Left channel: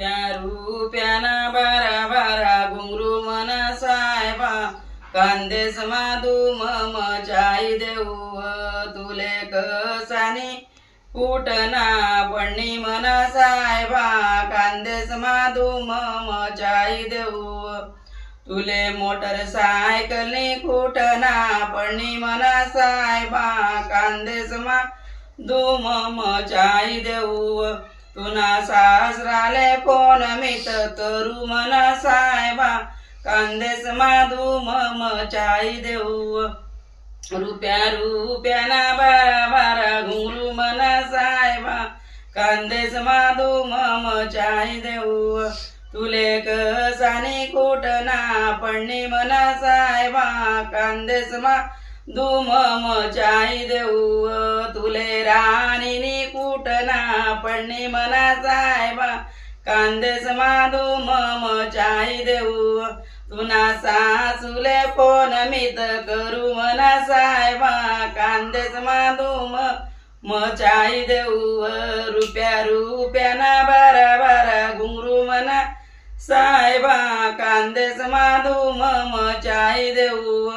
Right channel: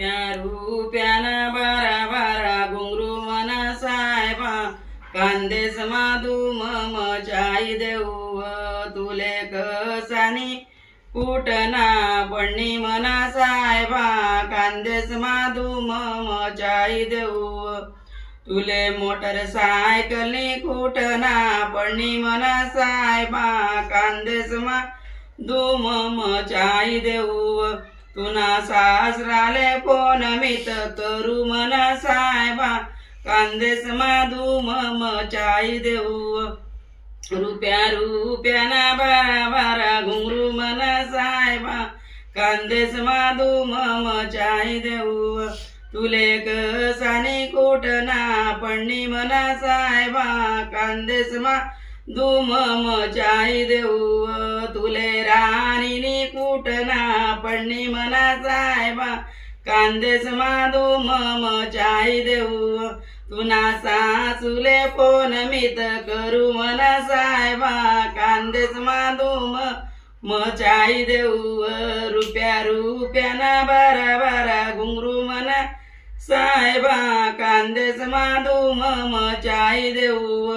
रुप्याना बारा बारा घुंगरू मना साहेबा कांदेस माधू मचाई देऊ तुले कसानी कुटना पडणी मना साहेबा कांदेस माधू मचाई देऊ तुले मोटरसायकलनी कुटना पडणी मना साहेबा कांदेस माधू मचाई देऊ तुना सासराले कोण मित करू मना साहेबा कांदेस माधू मचाई देऊ रुप्याना बारा बारा घुंगरू मना साहेबा कांदेस माधू मचाई देऊ तुले कसानी कुटना पडणी मना साहेबा कांदेस माधू मचाई देऊ तुले राणीनी कुटना पडणी मना साहेबा कांदेस माधू मचाई देऊ तुना सासूले कोण मित करू मना साहेबा कांदेस माधू मचाई देऊ रुप्याना बारा बारा घुंगरू मना साहेबा कांदेस माधू मचाई देऊ